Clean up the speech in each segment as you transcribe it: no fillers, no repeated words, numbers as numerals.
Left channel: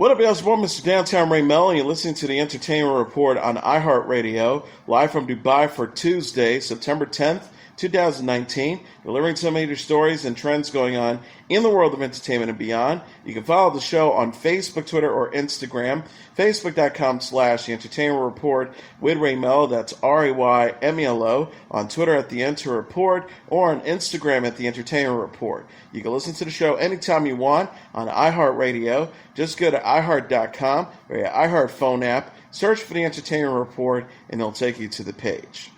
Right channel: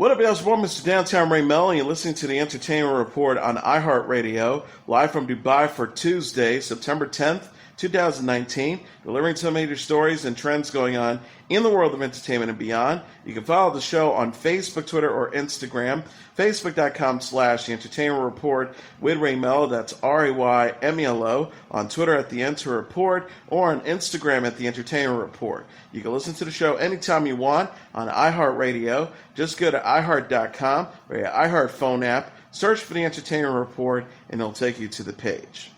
What up, y'all? It's Mr. Downtown Ray Melo, and you're listening to the Entertainment Report on iHeartRadio, live from Dubai for Tuesday, September 10th, 2019, delivering some major stories and trends going on in the world of entertainment and beyond. You can follow the show on Facebook, Twitter, or Instagram. Facebook.com/The Entertainment Report with Ray Melo, that's RAYMELO, on Twitter at The Enter Report, or on Instagram at The Entertainment Report. You can listen to the show anytime you want on iHeartRadio. Just go to iHeart.com or your iHeart phone app, search for The Entertainment Report, and it'll take you to the page.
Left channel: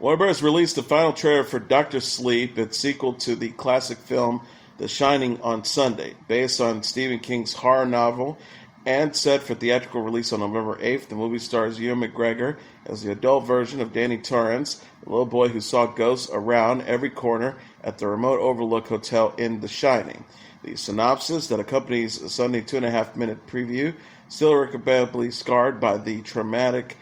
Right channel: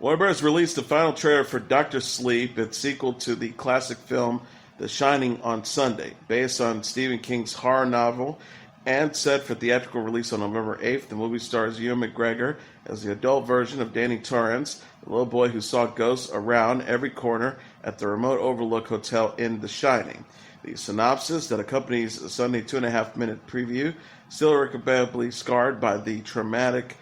Warner Bros. Released the final trailer for Dr. Sleep, its sequel to the classic film The Shining, on Sunday. Based on Stephen King's horror novel and set for theatrical release on November 8th, the movie stars Ewan McGregor as the adult version of Danny Torrance, the little boy who saw ghosts around every corner at the remote Overlook Hotel in The Shining. The synopsis that accompanies a Sunday 2.5-minute preview, still irrecoverably scarred by the traumatic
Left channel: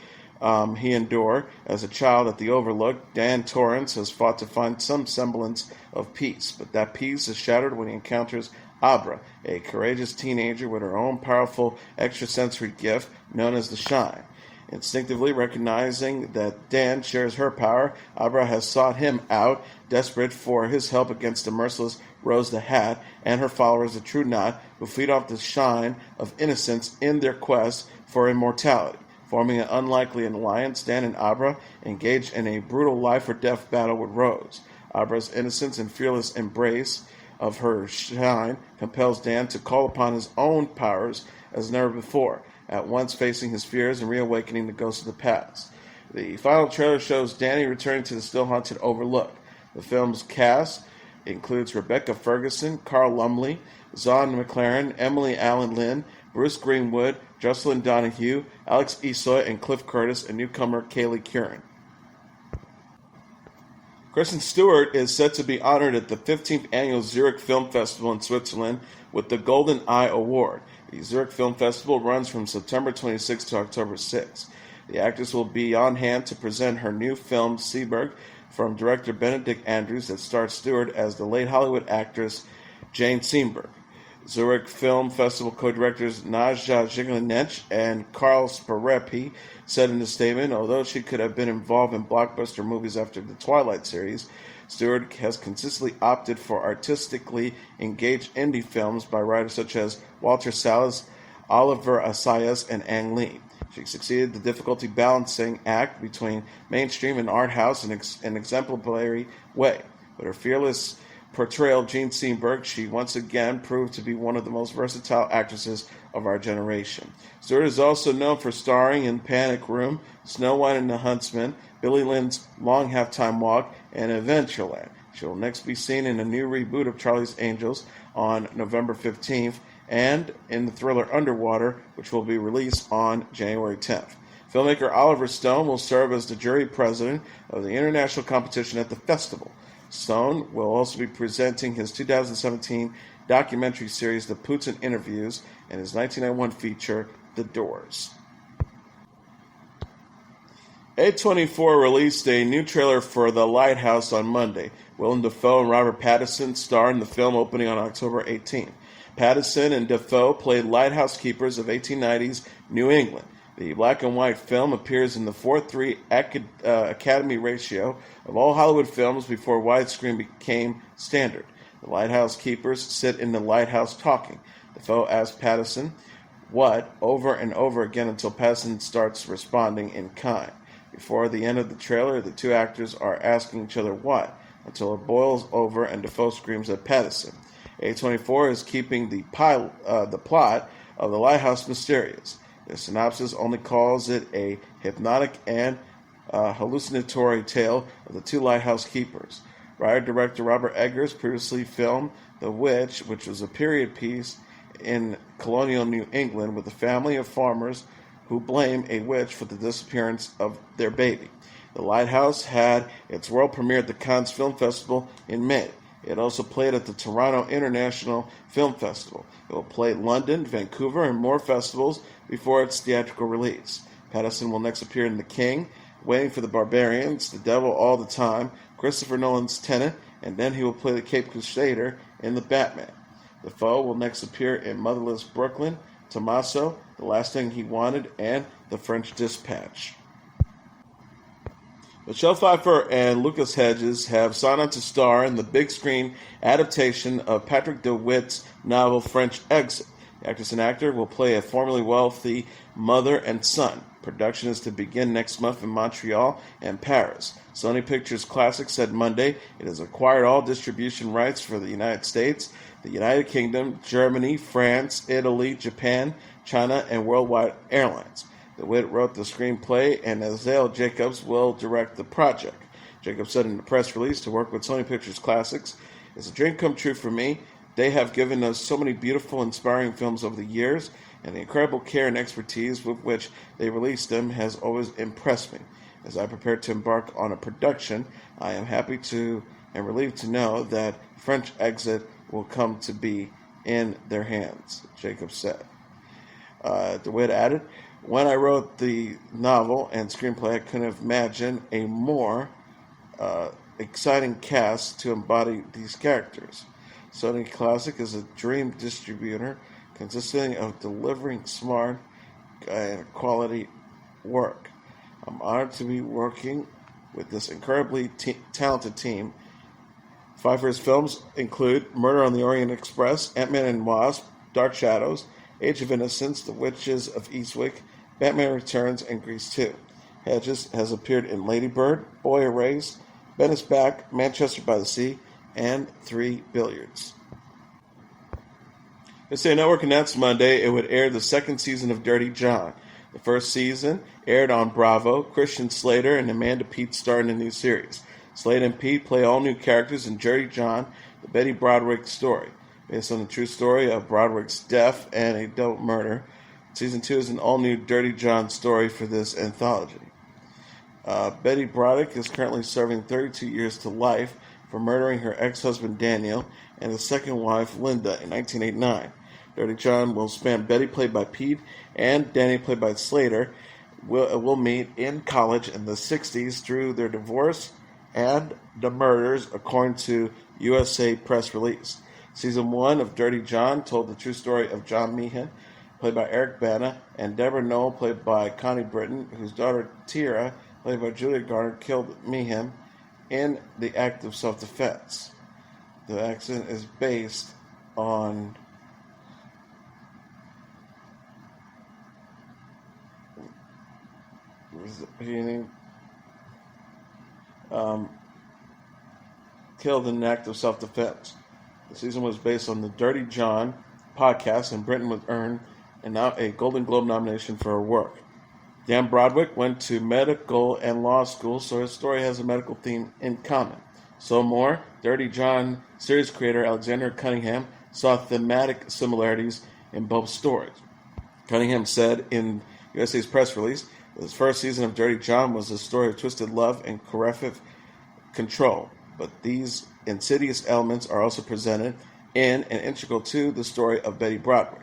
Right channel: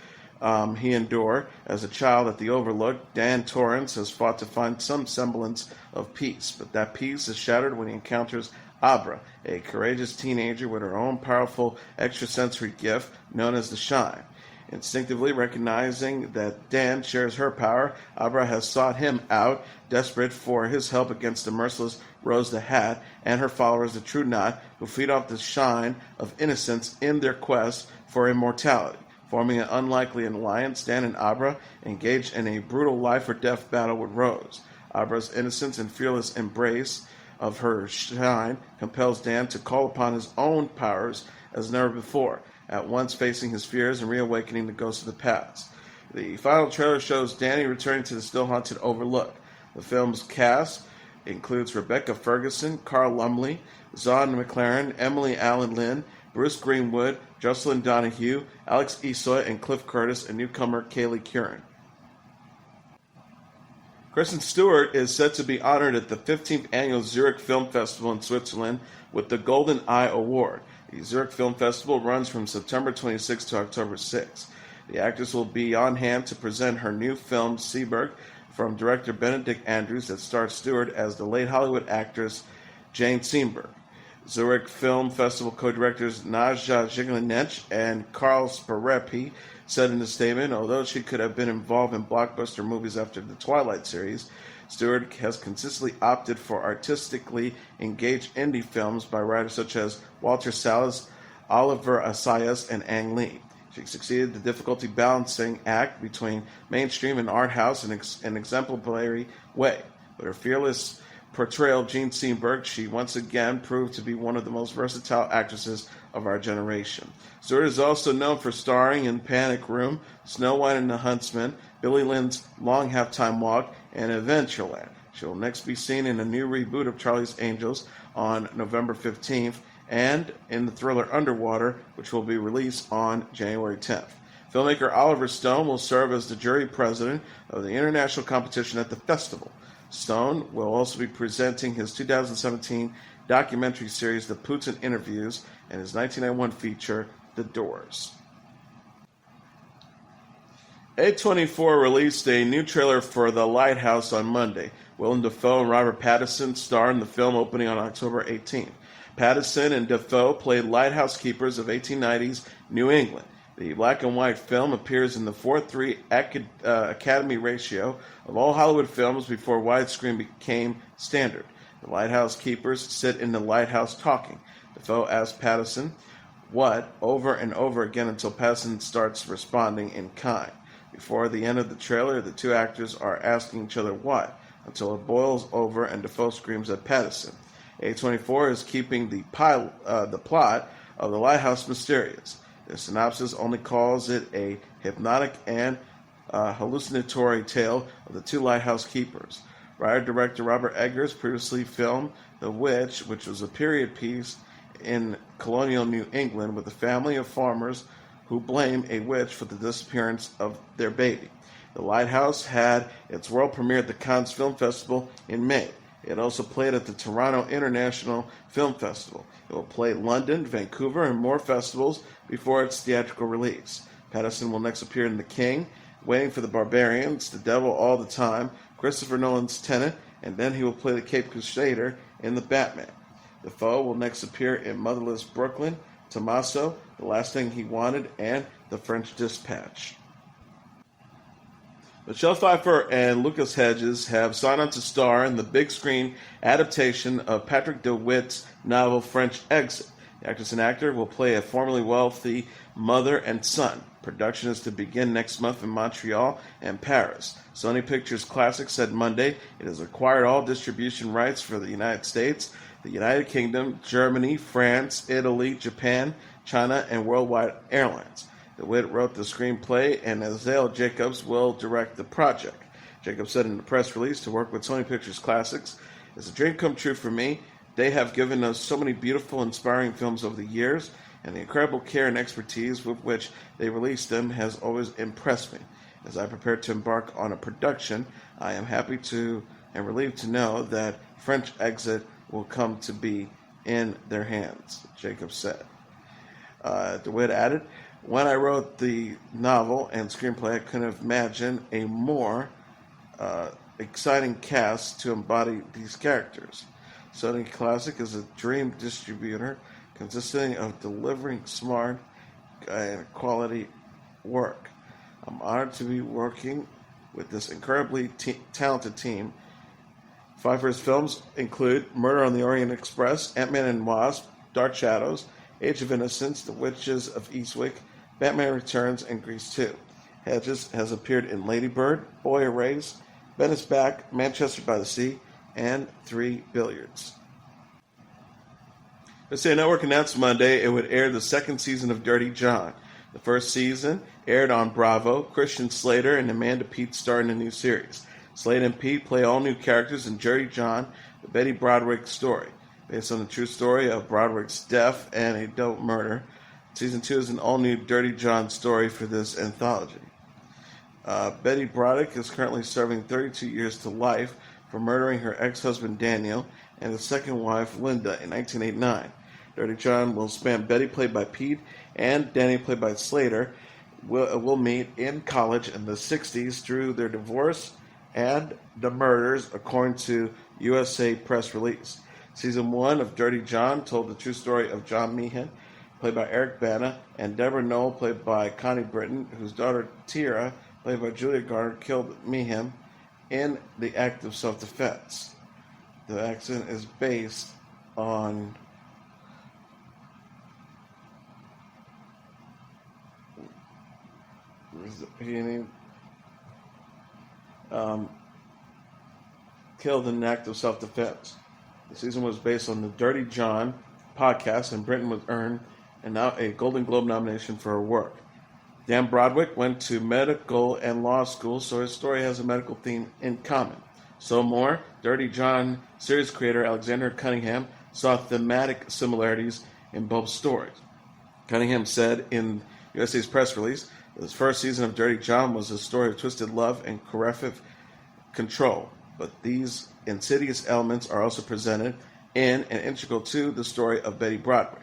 he endured as a child at the Overlook, Dan Torrance has fought to find some semblance of peace, but that peace is shattered when he encounters Abra, a courageous teenager with her own powerful extrasensory gift known as the Shine. Instinctively recognizing that Dan shares her power, Abra has sought him out, desperate for his help against the merciless Rose the Hat and her followers, the True Knot, who feed off the shine of innocence in their quest for immortality. Forming an unlikely alliance, Dan and Abra engage in a brutal life-or-death battle with Rose. Abra's innocence and fearless embrace of her shine compels Dan to call upon his own powers as never before, at once facing his fears and reawakening the ghosts of the past. The final trailer shows Danny returning to the still-haunted Overlook. The film's cast includes Rebecca Ferguson, Carl Lumbly, Zahn McLaren, Emily Allen Lynn, Bruce Greenwood, Jocelyn Donahue, Alex Esoy, and Cliff Curtis, and newcomer Kaylee Curran. Kristen Stewart is set to be honored at the 15th Annual Zurich Film Festival in Switzerland with the Golden Eye Award. The Zurich Film Festival runs from September 26 to October 6. The actress will be on hand to present her new film, Seberg, from director Benedict Andrews, that stars Stewart as the late Hollywood actress Jane Seberg. Zurich Film Festival co-directors Nadja Jigelinec and Karl Sparepi said in a statement, although she could have been involved in blockbuster movies after the Twilight series, Stewart has consistently opted for artistically engaged indie films by writers such as Walter Salles, Oliver Assayas, and Ang Lee. She succeeded the difficulty balancing act between mainstream and art house in an exemplary way. With her fearless portrayal of Jane Seberg, she once again proved to be one of the most versatile actresses of our generation. Stewart is also known for starring in Panic Room, Snow White and the Huntsman, Billy Lynn's Long Halftime Walk, and Adventureland. She will next be seen in a new reboot of Charlie's Angels on November 15th and in the thriller Underwater, which will be released on January 10th. Filmmaker Oliver Stone will serve as the jury president of the international competition at the festival. Stone will also be presenting his 2017 documentary series, The Putin Interviews, and his 1991 feature, The Doors. A24 released a new trailer for The Lighthouse on Monday. Willem Dafoe and Robert Pattinson star in the film, opening on October 18. Pattinson and Dafoe played lighthouse keepers of 1890s New England. The black and white film appears in the 4:3 Academy ratio of all Hollywood films before widescreen became standard. The lighthouse keepers sit in the lighthouse talking. Dafoe asks Pattinson what over and over again until Pattinson starts responding in kind. Before the end of the trailer, the two actors are asking each other what until it boils over and Dafoe screams at Pattinson. A24 is keeping the plot of The Lighthouse mysterious. The synopsis only calls it a hypnotic and hallucinatory tale of the two lighthouse keepers. Writer-director Robert Eggers previously filmed The Witch, which was a period piece in colonial New England with a family of farmers who blame a witch for the disappearance of their baby. The Lighthouse had its world premiere at the Cannes Film Festival in May. It also played at the Toronto International Film Festival. It will play London, Vancouver, and more festivals before its theatrical release. Pattinson will next appear in The King, Waiting for the Barbarians, The Devil All the Time, Christopher Nolan's Tenet, and then he will play the Cape Crusader in The Batman. Defoe will next appear in Motherless Brooklyn, Tommaso, The Last Thing He Wanted, and The French Dispatch. Michelle Pfeiffer and Lucas Hedges have signed on to star in the big screen adaptation of Patrick DeWitt's novel French Exit. The actress and actor will play a formerly wealthy mother and son. Production is to begin next month in Montreal and Paris. Sony Pictures Classics said Monday it has acquired all distribution rights for the United States, the United Kingdom, Germany, France, Italy, Japan, China, and Worldwide Airlines. DeWitt wrote the screenplay, and Azale Jacobs will direct the project. Jacobs said in a press release, to work with Sony Pictures Classics is a dream come true for me. They have given us so many beautiful, inspiring films over the years, and the incredible care and expertise with which they released them has always impressed me. As I prepare to embark on a production, I am happy to and relieved to know that French Exit will come to be in their hands, Jacobs said. DeWitt added, when I wrote the novel and screenplay, I couldn't have imagined a more exciting cast to embody these characters. Sony Classic is a dream distributor consisting of delivering smart and quality work. I'm honored to be working with this incredibly talented team. Pfeiffer's films include Murder on the Orient Express, Ant-Man and Wasp, Dark Shadows, Age of Innocence, The Witches of Eastwick, Batman Returns, and Grease 2. Hedges has appeared in Lady Bird, Boy Erased, Ben is Back, Manchester by the Sea, and 3 Billiards. USA Network announced Monday it would air the second season of Dirty John. The first season aired on Bravo. Christian Slater and Amanda Peet star in the new series. Slater and Peet play all new characters in Dirty John, the Betty Broderick story. Based on the true story of Broderick's death and a double murder, Season 2 is an all-new Dirty John story for this anthology. Betty Broderick is currently serving 32 years to life for murdering her ex-husband Daniel and his second wife Linda in 1989. Dirty John will span Betty, played by Peet, and Danny, played by Slater, will meet in college in the 60s through their divorce and the murders, according to USA press release. Season 1 of Dirty John told the true story of John Meehan, played by Eric Bana, and Deborah Noel, played by Connie Britton, whose daughter Tira, played by Julia Garner, killed Meehan in the act of self-defense. The accident is based on killed in an act of self-defense. The season was based on the Dirty John podcast, and Britton was earned a Golden Globe nomination for her work. Dan Broderick went to medical and law school, so his story has a medical theme in common. So more, Dirty John series creator Alexander Cunningham saw thematic similarities in both stories. Cunningham said in USA's press release, this first season of Dirty John was a story of twisted love and corrective control, but these insidious elements are also presented in and integral to the story of Betty Broderick,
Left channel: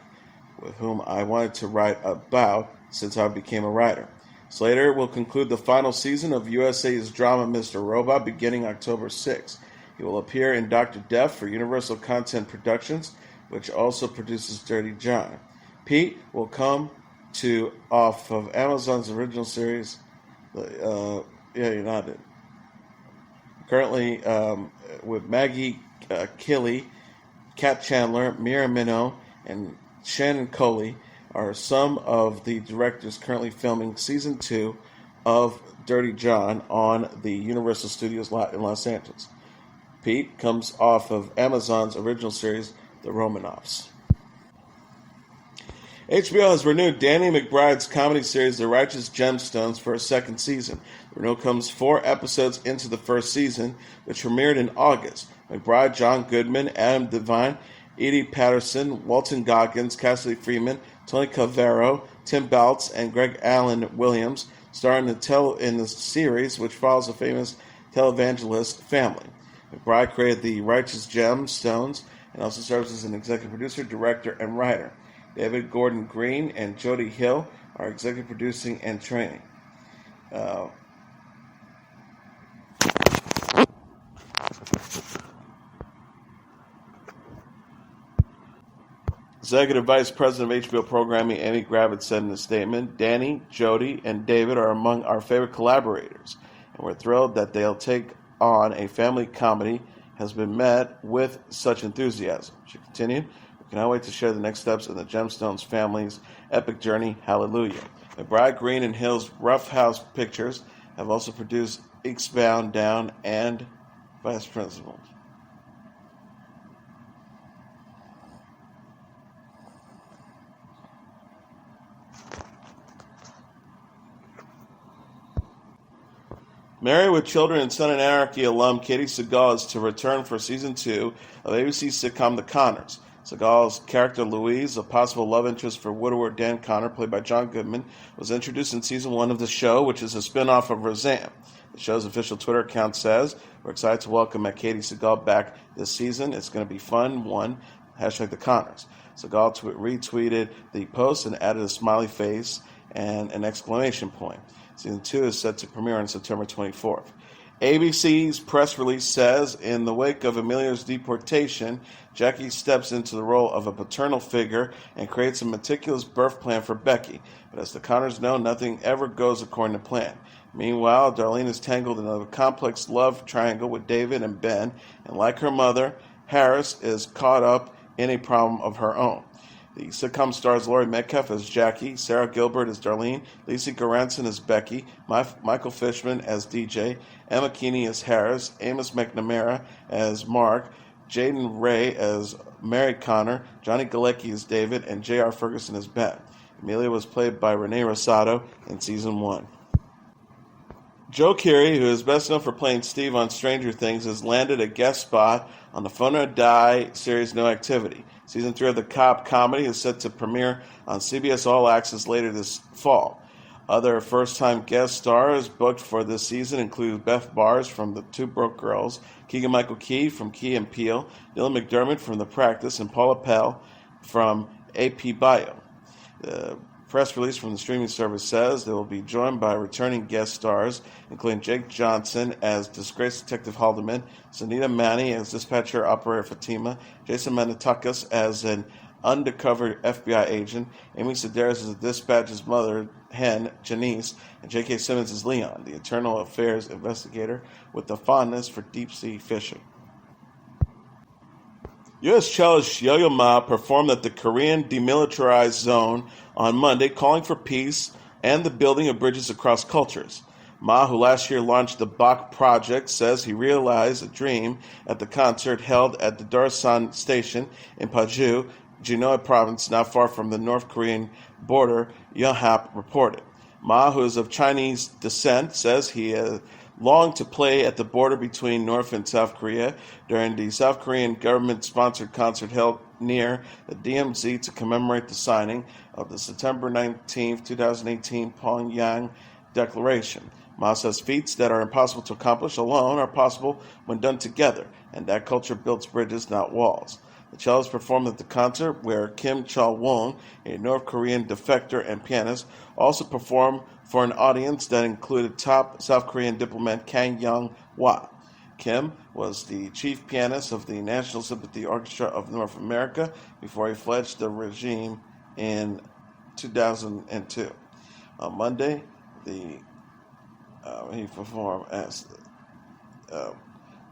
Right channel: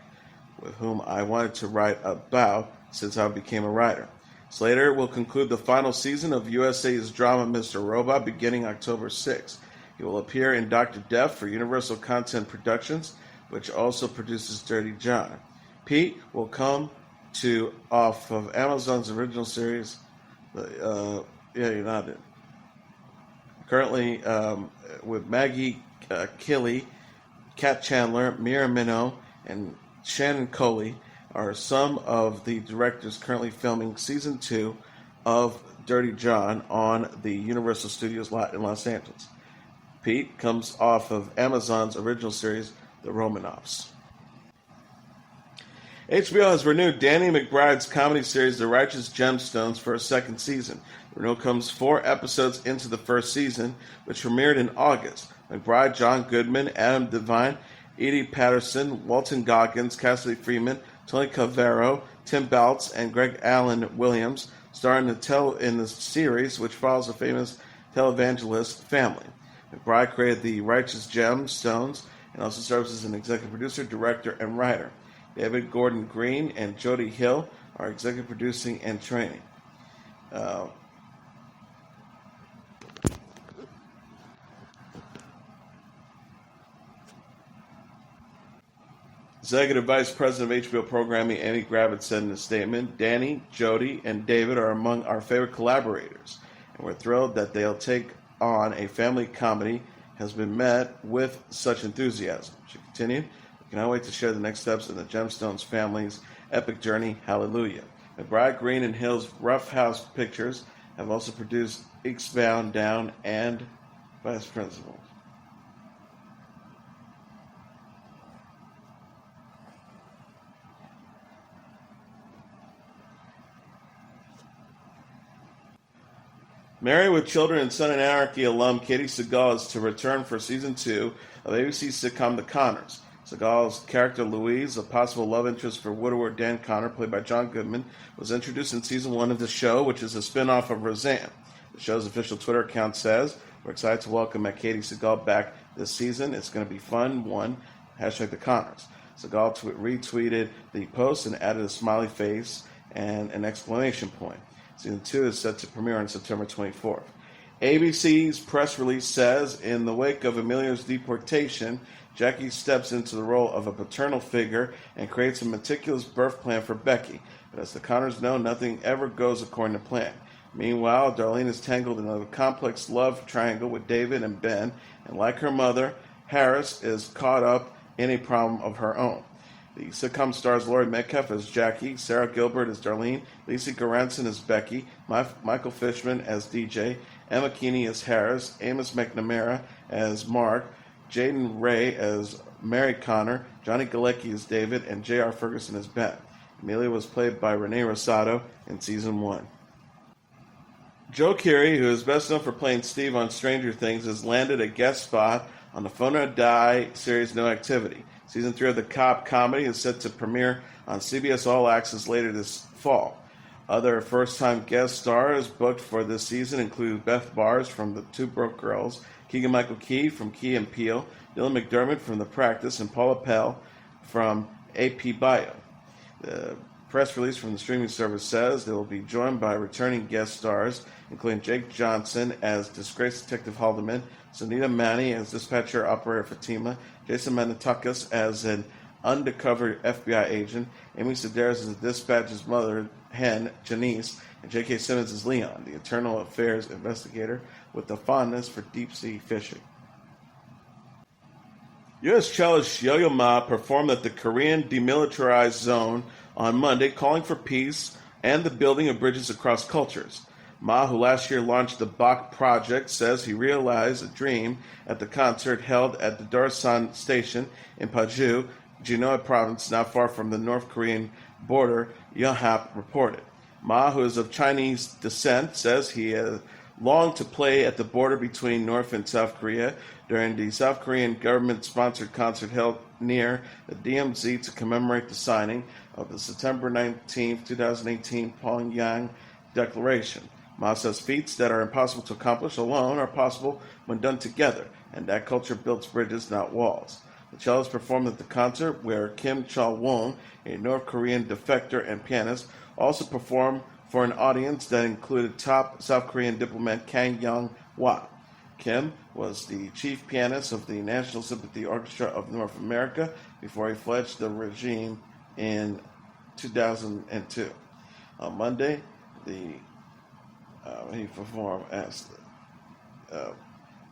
with whom I wanted to write about since I became a writer. Slater will conclude the final season of USA's drama Mr. Robot beginning October 6th. He will appear in Dr. Death for Universal Content Productions, which also produces Dirty John. Peet will come off of Amazon's original series, currently with Maggie Killy, Kat Chandler, Mira Minnow, and Shannon Coley are some of the directors currently filming Season 2 of Dirty John on the Universal Studios lot in Los Angeles. Peet comes off of Amazon's original series, The Romanovs. HBO has renewed Danny McBride's comedy series, The Righteous Gemstones, for a second season. The renewal comes 4 episodes into the first season, which premiered in August. McBride, John Goodman, Adam Devine, Edie Patterson, Walton Goggins, Cassidy Freeman, Tony Cavero, Tim Baltz, and Greg Allen Williams star in the series, which follows a famous televangelist family. McBride created The Righteous Gemstones and also serves as an executive producer, director, and writer. David Gordon Green and Jody Hill are executive producing and training. Executive Vice President of HBO Programming Amy Gravitt said in a statement, Danny, Jody, and David are among our favorite collaborators, and we're thrilled that they'll take on a family comedy has been met with such enthusiasm. She continued, we cannot wait to share the next steps in the Gemstones family's epic journey, hallelujah. McBride, Green, and Hill's Rough House Pictures have also produced Eastbound, Down, and Vice Principals. Married with Children and Son and Anarchy alum Katey Sagal is to return for season 2 of ABC's sitcom The Connors. Sagal's character Louise, a possible love interest for widower Dan Connor, played by John Goodman, was introduced in season 1 of the show, which is a spin-off of Roseanne. The show's official Twitter account says, we're excited to welcome Katey Sagal back this season. It's going to be fun. Hashtag The Connors. Sagal retweeted the post and added a smiley face and an exclamation point. Season 2 is set to premiere on September 24th. ABC's press release says, in the wake of Emilio's deportation, Jackie steps into the role of a paternal figure and creates a meticulous birth plan for Becky. But as the Connors know, nothing ever goes according to plan. Meanwhile, Darlene is tangled in a complex love triangle with David and Ben, and like her mother, Harris is caught up in a problem of her own. The sitcom stars Laurie Metcalf as Jackie, Sarah Gilbert as Darlene, Lisa Goranson as Becky, Michael Fishman as DJ, Emma Keeney as Harris, Amos McNamara as Mark, Jaden Ray as Mary Connor, Johnny Galecki as David, and J.R. Ferguson as Ben. Amelia was played by Renee Rosado in season 1. Joe Keery, who is best known for playing Steve on Stranger Things, has landed a guest spot on the Phone or Die series No Activity. Season 3 of the cop comedy is set to premiere on CBS All Access later this fall. Other first-time guest stars booked for this season include Beth Bars from The Two Broke Girls, Keegan-Michael Key from Key and Peele, Dylan McDermott from The Practice, and Paula Pell from AP Bio. The press release from the streaming service says they will be joined by returning guest stars, including Jake Johnson as disgraced Detective Haldeman, Sunita Mani as dispatcher operator Fatima, Jason Manitakas as an undercover FBI agent, Amy Sedaris as the dispatcher's mother, hen, Janice, and J.K. Simmons as Leon, the internal affairs investigator with a fondness for deep-sea fishing. U.S. cellist Yo-Yo Ma performed at the Korean demilitarized zone on Monday, calling for peace and the building of bridges across cultures. Ma, who last year launched the Bach Project, says he realized a dream at the concert held at the Darsan station in Paju, Genoa province, not far from the North Korean border, Yonhap reported. Ma, who is of Chinese descent, says he longed to play at the border between North and South Korea during the South Korean government-sponsored concert held near the DMZ to commemorate the signing of the September 19, 2018 Pyongyang Declaration. Ma says feats that are impossible to accomplish alone are possible when done together, and that culture builds bridges, not walls. The cellist performed at the concert where Kim Chol-won, a North Korean defector and pianist, also performed for an audience that included top South Korean diplomat Kang Young-hwa. Kim was the chief pianist of the National Symphony Orchestra of North America before he fled the regime in 2002. On Monday, he performed as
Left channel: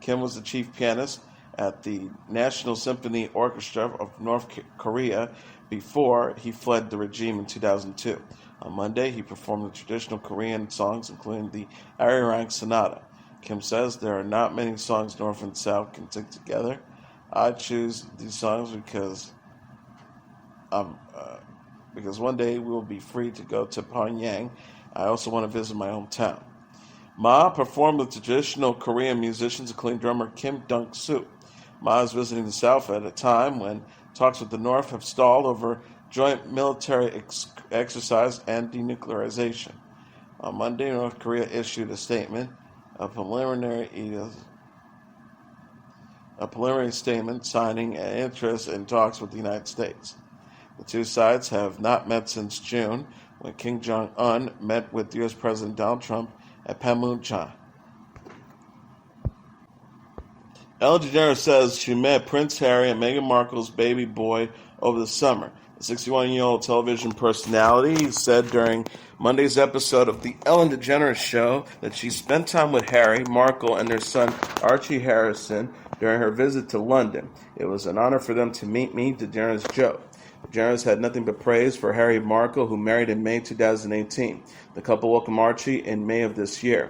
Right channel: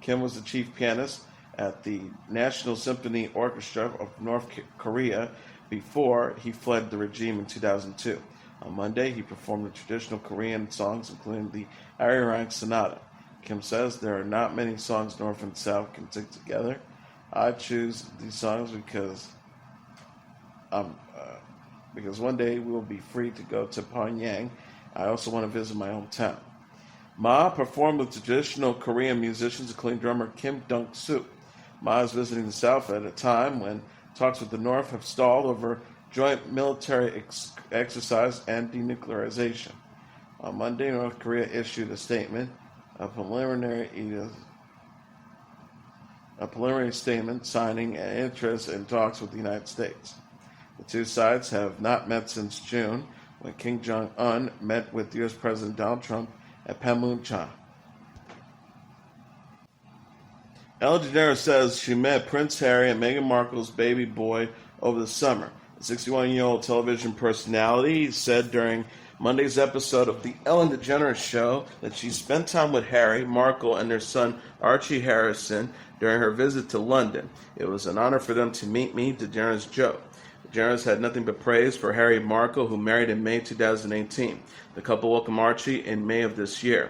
Kim was the chief pianist at the National Symphony Orchestra of North Korea before he fled the regime in 2002. On Monday, he performed the traditional Korean songs, including the Arirang Sonata. Kim says there are not many songs North and South can sing together. I choose these songs because one day we will be free to go to Pyongyang. I also want to visit my hometown. Ma performed with traditional Korean musicians, including drummer Kim Dunk-soo. Ma is visiting the South at a time when talks with the North have stalled over joint military exercise and denuclearization. On Monday, North Korea issued a statement, a preliminary statement signing an interest in talks with the United States. The two sides have not met since June, when Kim Jong-un met with U.S. President Donald Trump at Panmunjom. Ellen DeGeneres says she met Prince Harry and Meghan Markle's baby boy over the summer. The 61-year-old television personality said during Monday's episode of The Ellen DeGeneres Show that she spent time with Harry, Markle, and their son Archie Harrison during her visit to London. It was an honor for them to meet me, DeGeneres joked. DeGeneres had nothing but praise for Harry and Markle, who married in May 2018. The couple welcomed Archie in May of this year.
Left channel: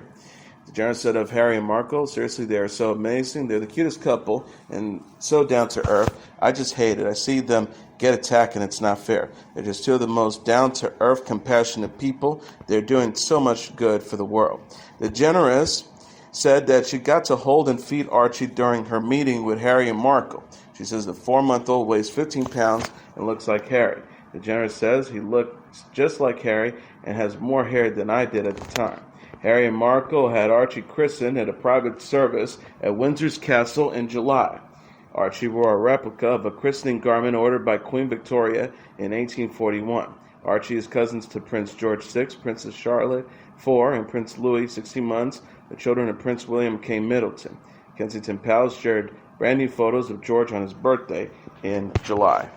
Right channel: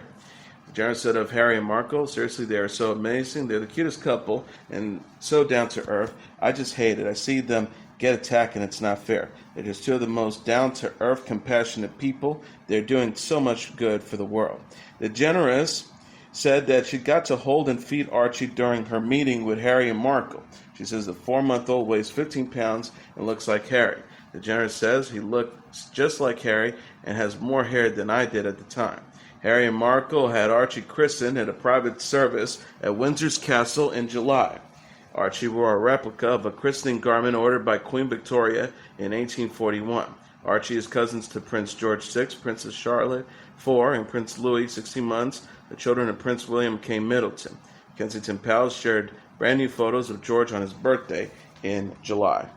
DeGeneres said of Harry and Markle, seriously, they are so amazing. They're the cutest couple and so down to earth. I just hate it. I see them get attacked and it's not fair. They're just two of the most down to earth, compassionate people. They're doing so much good for the world. DeGeneres said that she got to hold and feed Archie during her meeting with Harry and Markle. She says the 4-month-old weighs 15 pounds and looks like Harry. DeGeneres says he looks just like Harry and has more hair than I did at the time. Harry and Markle had Archie christened at a private service at Windsor's Castle in July. Archie wore a replica of a christening garment ordered by Queen Victoria in 1841. Archie is cousins to Prince George VI, Princess Charlotte IV, and Prince Louis, 16 months, the children of Prince William K. Middleton. Kensington Palace shared brand new photos of George on his birthday in July.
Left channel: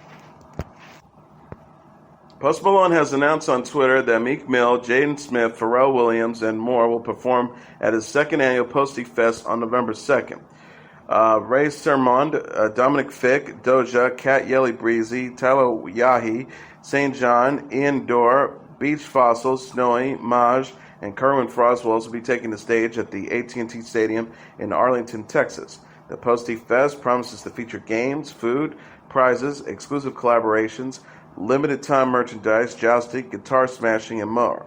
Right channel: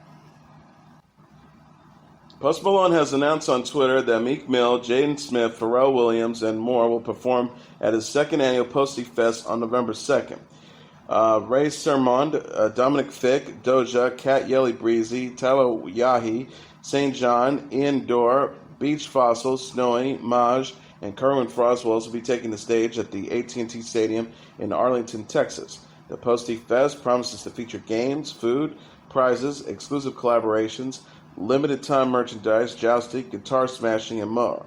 Post Malone has announced on Twitter that Meek Mill, Jaden Smith, Pharrell Williams, and more will perform at his second annual Posty Fest on November 2nd. Ray Sermond, Dominic Fick, Doja, Cat Yelly Breezy, Tyler Yahi, St. John, Ian Dorr, Beach Fossil, Snowy, Maj, and Kerwin Frost will also be taking the stage at the AT&T Stadium in Arlington, Texas. The Posty Fest promises to feature games, food, prizes, exclusive collaborations, limited time merchandise, jousting, guitar smashing, and more.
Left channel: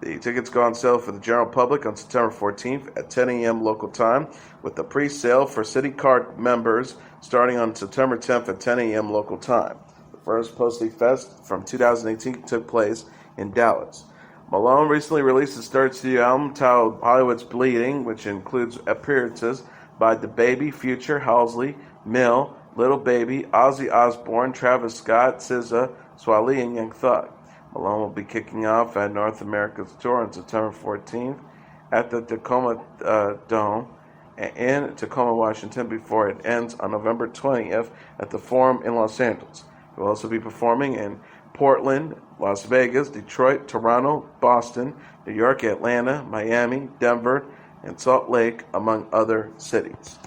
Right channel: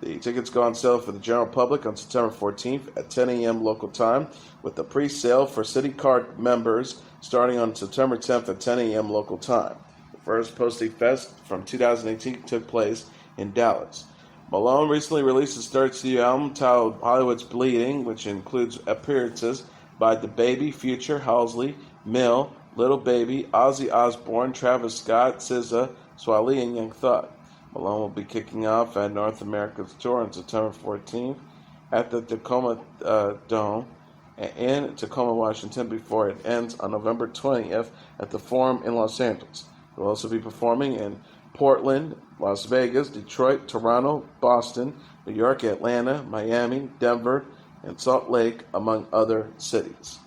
The tickets go on sale for the general public on September 14th at 10 a.m. local time, with the pre-sale for City Card members starting on September 10th at 10 a.m. local time. The first Posty Fest from 2018 took place in Dallas. Malone recently released his third studio album titled Hollywood's Bleeding, which includes appearances by DaBaby, Future, Halsey, Mill, Little Baby, Ozzy Osbourne, Travis Scott, SZA, Swally, and Young Thug. Malone will be kicking off at North America's tour on September 14th at the Tacoma Dome in Tacoma, Washington, before it ends on November 20th at the Forum in Los Angeles. He will also be performing in Portland, Las Vegas, Detroit, Toronto, Boston, New York, Atlanta, Miami, Denver, and Salt Lake, among other cities.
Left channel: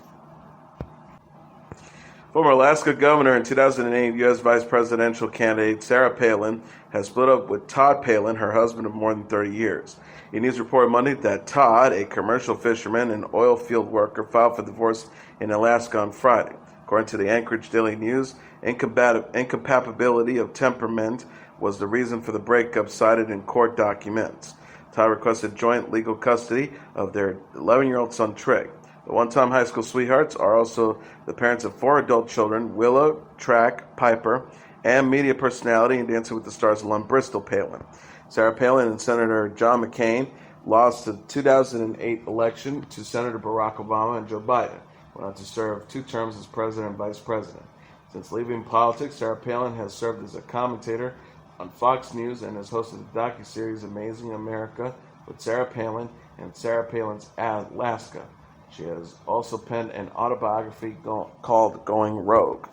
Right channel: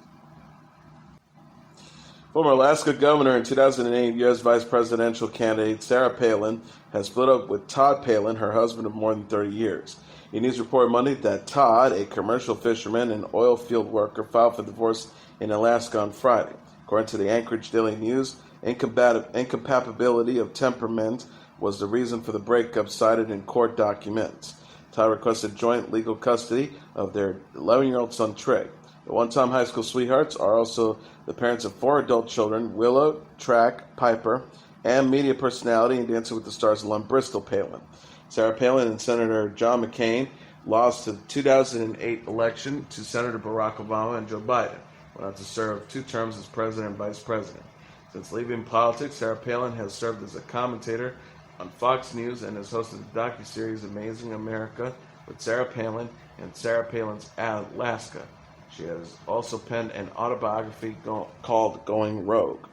Former Alaska governor and 2008 U.S. vice presidential candidate Sarah Palin has split up with Todd Palin, her husband of more than 30 years. E-News reported Monday that Todd, a commercial fisherman and oil field worker, filed for divorce in Alaska on Friday. According to the Anchorage Daily News, incompatibility of temperament was the reason for the breakup cited in court documents. Todd requested joint legal custody of their 11-year-old son, Trey. The one-time high school sweethearts are also the parents of 4 adult children, Willow, Track, Piper, and media personality and Dancing with the Stars alum Bristol Palin. Sarah Palin and Senator John McCain lost the 2008 election to Senator Barack Obama and Joe Biden, went on to serve 2 terms as president and vice president. Since leaving politics, Sarah Palin has served as a commentator on Fox News and has hosted the docuseries Amazing America with Sarah Palin and Sarah Palin's Alaska. She has also penned an autobiography called Going Rogue.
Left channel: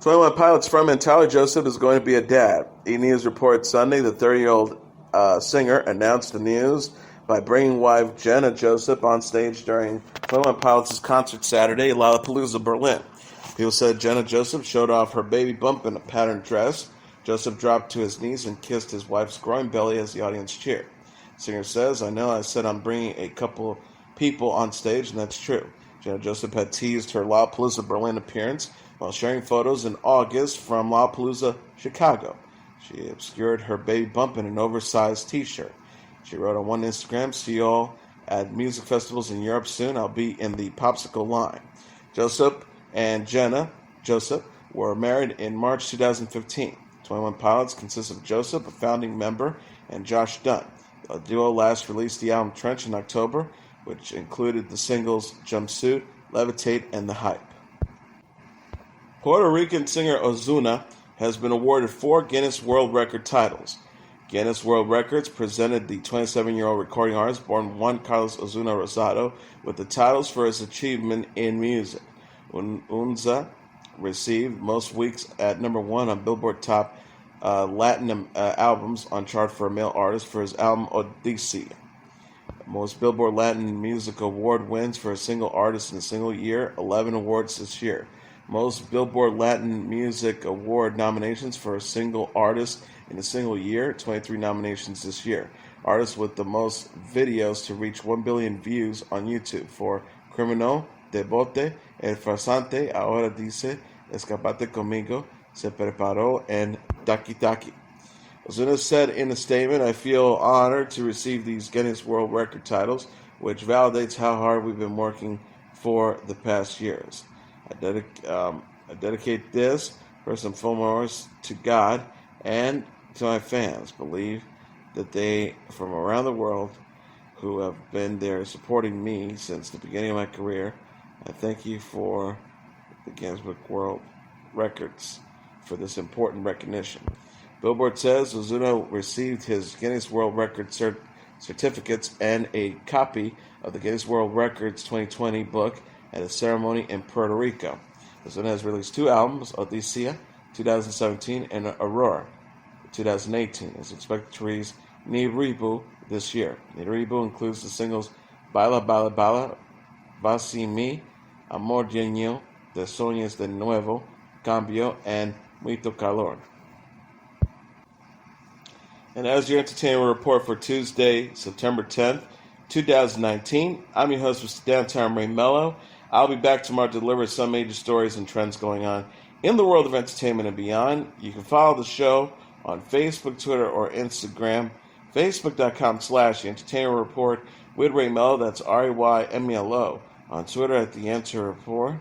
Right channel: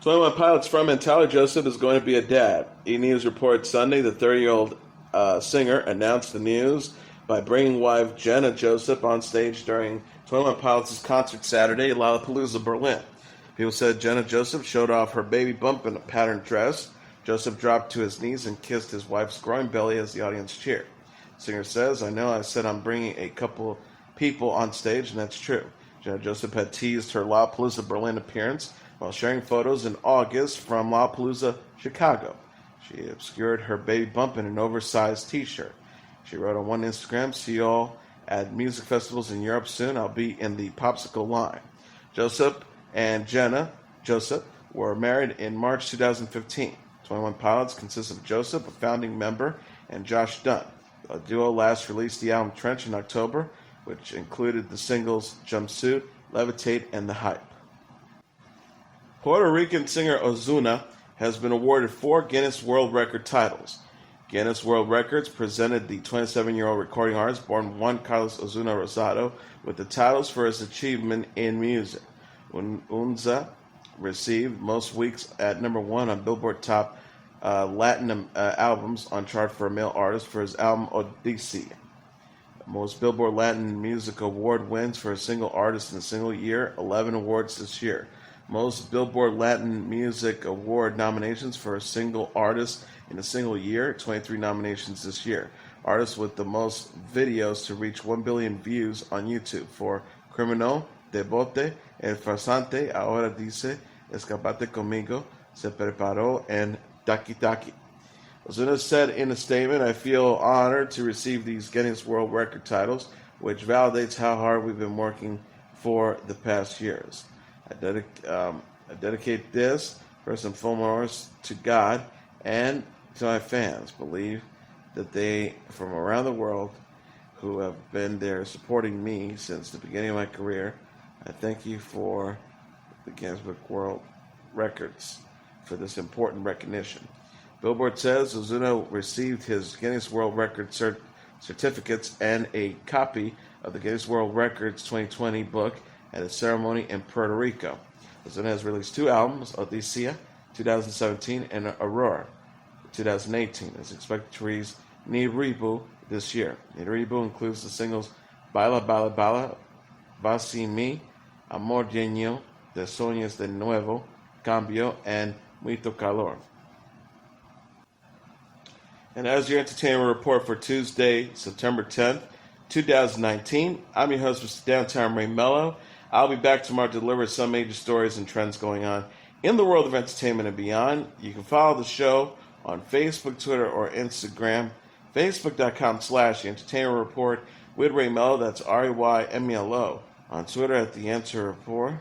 21 Pilots frontman Tyler Joseph is going to be a dad. E-News reported Sunday the 30-year-old singer announced the news by bringing wife Jenna Joseph on stage during 21 Pilots' concert Saturday at Lollapalooza, Berlin. People said Jenna Joseph showed off her baby bump in a patterned dress. Joseph dropped to his knees and kissed his wife's growing belly as the audience cheered. The singer says, "I know I said I'm bringing a couple people on stage, and that's true." Jenna Joseph had teased her Lollapalooza Berlin appearance while sharing photos in August from Lollapalooza Chicago. She obscured her baby bump in an oversized t-shirt. She wrote on one Instagram, "See you all at music festivals in Europe soon. I'll be in the popsicle line." Joseph and Jenna Joseph were married in March 2015. 21 Pilots consists of Joseph, a founding member, and Josh Dunn. The duo last released the album Trench in October, which included the singles Jumpsuit, Levitate, and The Hype. Puerto Rican singer Ozuna has been awarded 4 Guinness World Record titles. Guinness World Records presented the 27-year-old recording artist born Juan Carlos Ozuna Rosado with the titles for his achievement in music. Unza received most weeks at number 1 on Billboard Top Latin albums on chart for a male artist for his album Odyssey. Most Billboard Latin Music Award wins for a single artist in a single year, 11 awards this year. Most Billboard Latin Music Award nominations for a single artist in a single year, 23 nominations this year. Artists with the most videos to reach 1 billion views on YouTube for Criminal, Debote, El Farsante, Ahora Dice, Escapate Conmigo, Se Preparó, and Taki Taki. Ozuna said in a statement, "I feel honored to receive these Guinness World Record titles, which validates how hard we've been working for the past years. I dedicate this, first and foremost, to God and to my fans. Believe that they, from around the world, who have been there supporting me since the beginning of my career. I thank you for the Guinness World Records for this important recognition." Billboard says Ozuna received his Guinness World Records certificates and a copy of the Guinness World Records 2020 book at a ceremony in Puerto Rico. Ozuna has released 2 albums, Odisea 2017 and Aurora 2018. It's expected to release Ni Ribu this year. Ni Ribu includes the singles Baila Baila Baila, Vasi Mi, Amor Lleno, De Sueños de Nuevo, Cambio, and Muito Calor. And as your entertainment report for Tuesday, September 10th, 2019, I'm your host, Mr. Downtown Ray Melo. I'll be back tomorrow to deliver some major stories and trends going on in the world of entertainment and beyond. You can follow the show on Facebook, Twitter, or Instagram. Facebook.com/The Entertainment Report with Ray Melo. That's RAYMELO. On Twitter at The Answer Report.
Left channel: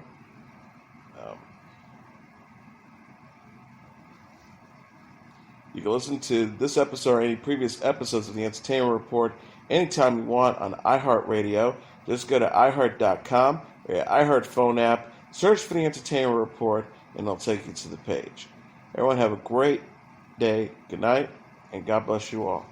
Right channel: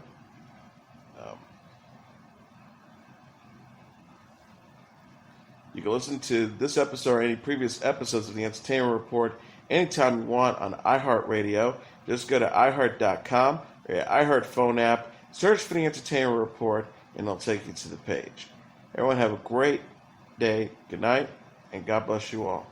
You can listen to this episode or any previous episodes of The Entertainment Report anytime you want on iHeartRadio. Just go to iHeart.com or your iHeart phone app, search for The Entertainment Report, and it'll take you to the page. Everyone have a great day, good night, and God bless you all.